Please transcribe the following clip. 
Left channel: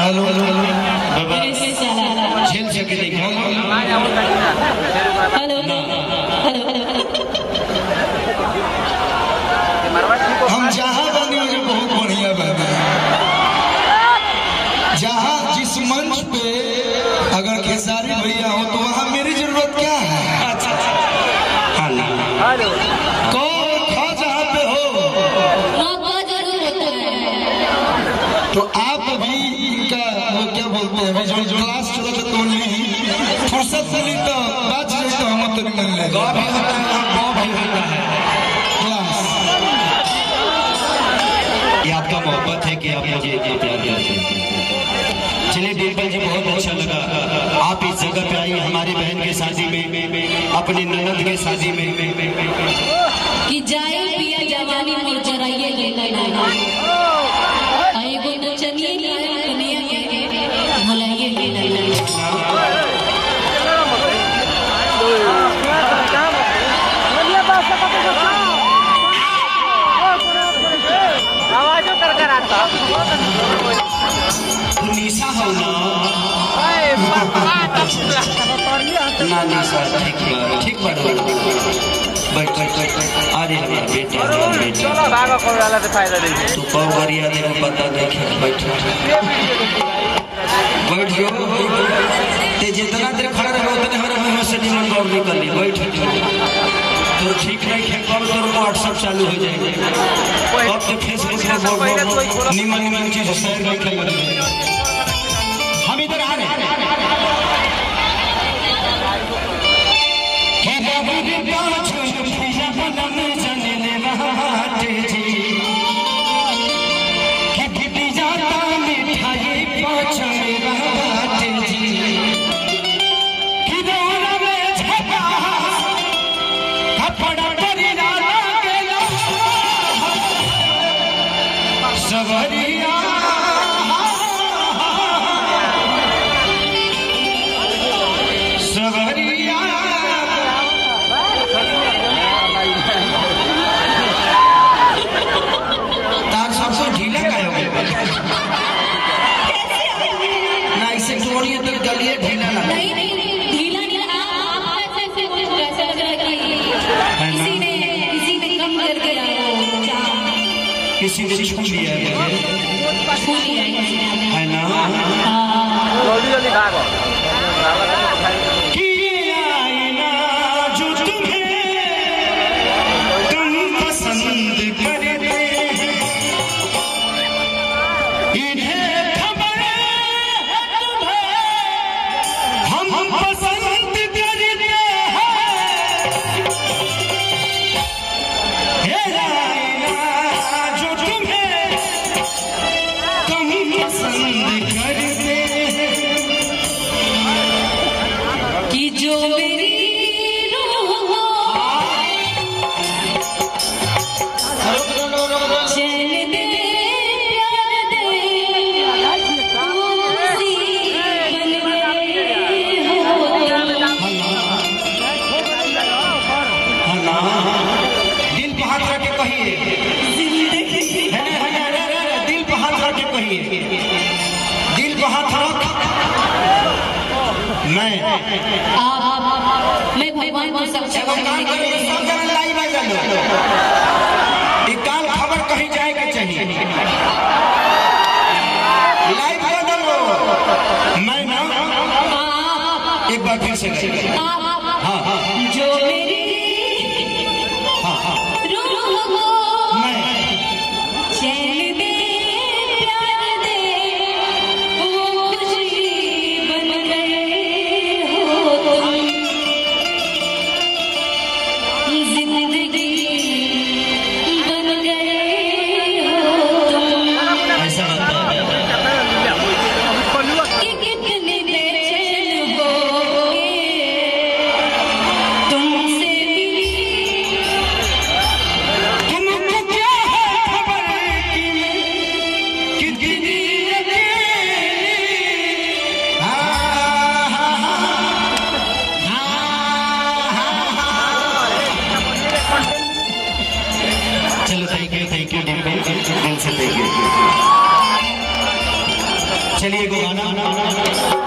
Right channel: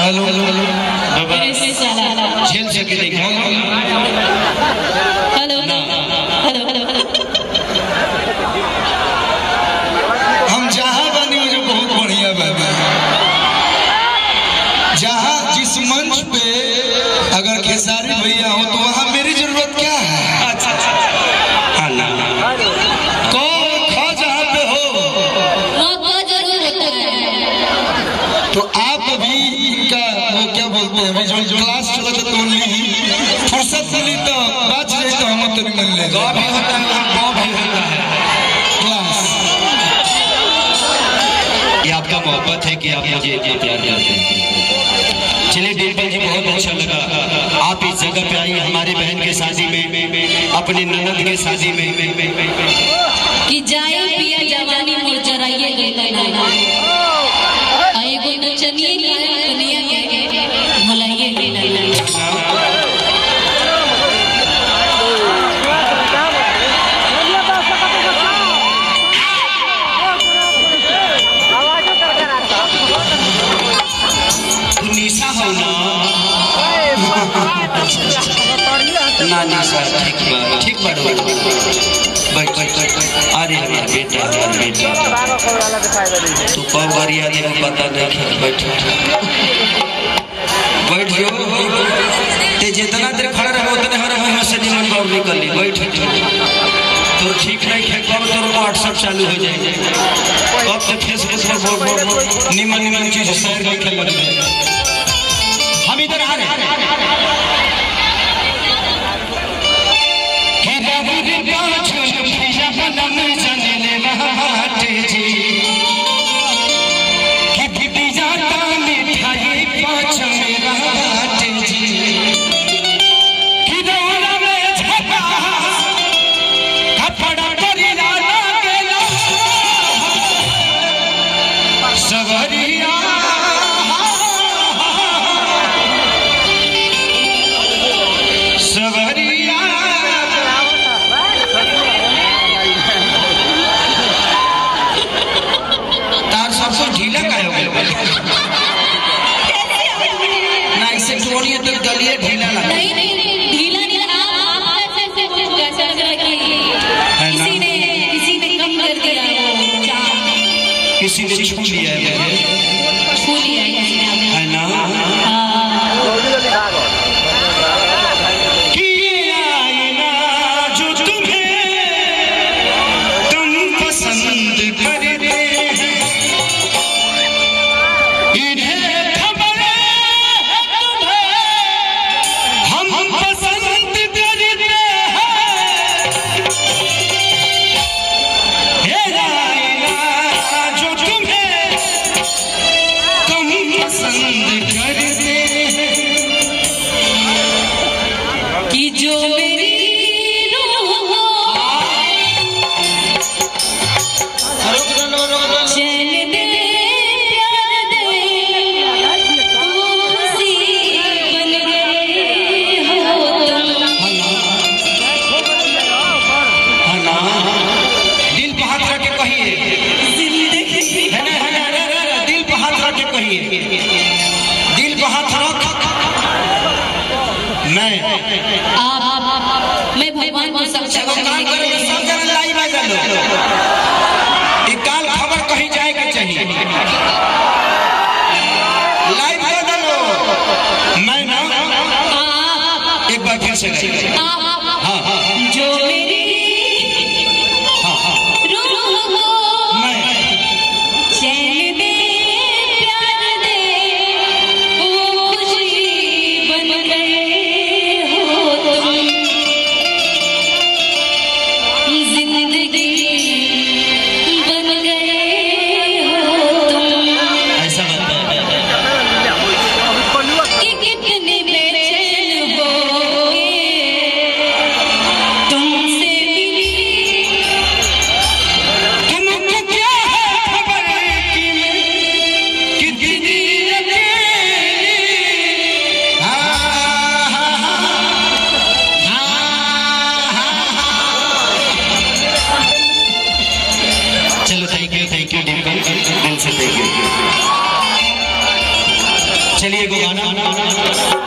हेलो झेल सके देखो हेलो हम जहाँ बनी जो बहुत बढ़िया बाबा जहाँ जिस मंच पे अगर खेसारी भैया हो तो वहाँ मेरी जरूरत क्या है? जहाँ पे हो तो आप अभी इनका वो क्या बोलते हैं अभी जो क्लास चला तो नहीं फुर्सत मिली तो बात जाए तो हम तो मिल ले क्लास ये आपका मोहब्बत है कि आप मुझे इतना प्यार करते हैं। चलिए डिम्पल जी बहुत अच्छा लगा आप इस जगह पे आई हमारी बहन के शादी में अपनी ननद के शादी में कि जाए पिया जवानी मोर जराइए गेला आई गो तो चनिए दुनिया के भलाइए गेला निशा हो ना निशा ठीक बात बैठ अरे हमारा बेटा तू कब गरिया दे पता नहीं बैठ ते जितना देर खड़ा रहे उतने हर से निमन बाहर निकल ली बैठ तो ठीक नहीं है कब तो व्हाट्सएप चालू हो जाएगा अब तो फेसबुक पर निमन चीज शेयर नहीं कर लगे हम इधर आ रहे हैं नहीं ढीला नहीं आप ऐसे कैसे लग रहा कि किसी ने कम कर दिया किसी ने छू लिया है ना दिल को हाथ रख मैं भगवान को सब लाइव आ जा काल खबर कहीं जाएगा चाहिए लाइव आ जाओ मैं ना एक बार फिर से हाँ जो मेरी से देखिए। चलिए एगो गाना